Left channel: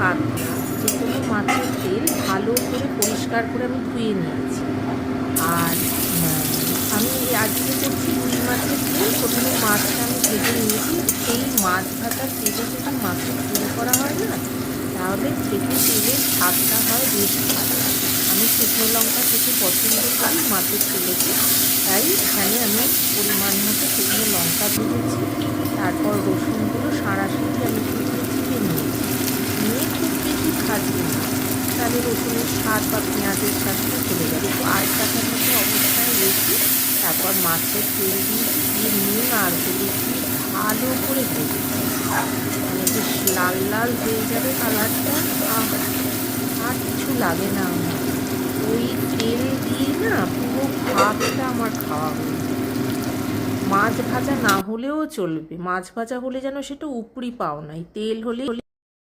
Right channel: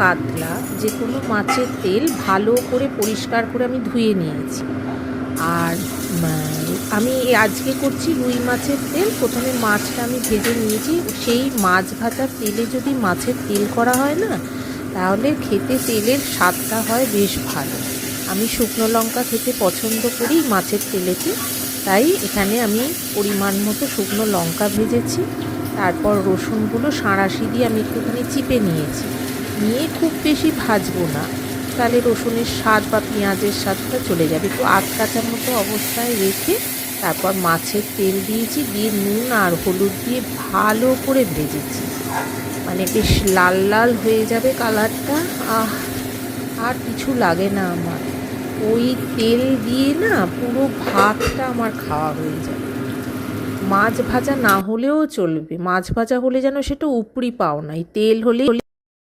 কাতলা যে কোনো মাছের তেল ভালো করে পরিষ্কার করে আমি ধুয়ে নিয়েছি। আর আমি আজকে করছি রুই মাছের তেল। প্রথমে মাছটা আমি ভেজে নিয়েছি। সেই মাছ ভাজার তেলে যদি মাছের তেল করা হয় না, তাহলে খেতে তেলের স্বাদটা হয় বেশ ভালো। আমি শুকনো লঙ্কা খেতে পছন্দ করি মাছের তেলেতে, তাই এখানে আমি পরিমাণ মতো শুকনো লঙ্কা ভেজেছি। তারপর রসুনগুলো সাঁড়াশি দিয়ে আমি একটুখানি চিপে নিয়েছি। নিয়ে খুব বেশি ভাজবো না, তাহলে রসুনের স্বাদ বা পেঁয়াজের স্বাদটা চলে যাবে। একটু আটকাটার মতো অবস্থায় রেখে তারপর মাছের তেল দিয়েছি, দিয়ে নুন আর হলুদ দিয়ে ভালো করে ভেজেছি। মানে বেশ লাল লাল হয়ে যাবে কালারটা। আর কিছু লাগে না আমার, ওই তেল দিয়ে না পুরো ভাতটা আমার খাওয়া হয়ে যায়। মাছ ভাজা না হলেও চলবে, মাছ ভাজা হলে যেন সেটা উপরি পাও নাই, তেল হলে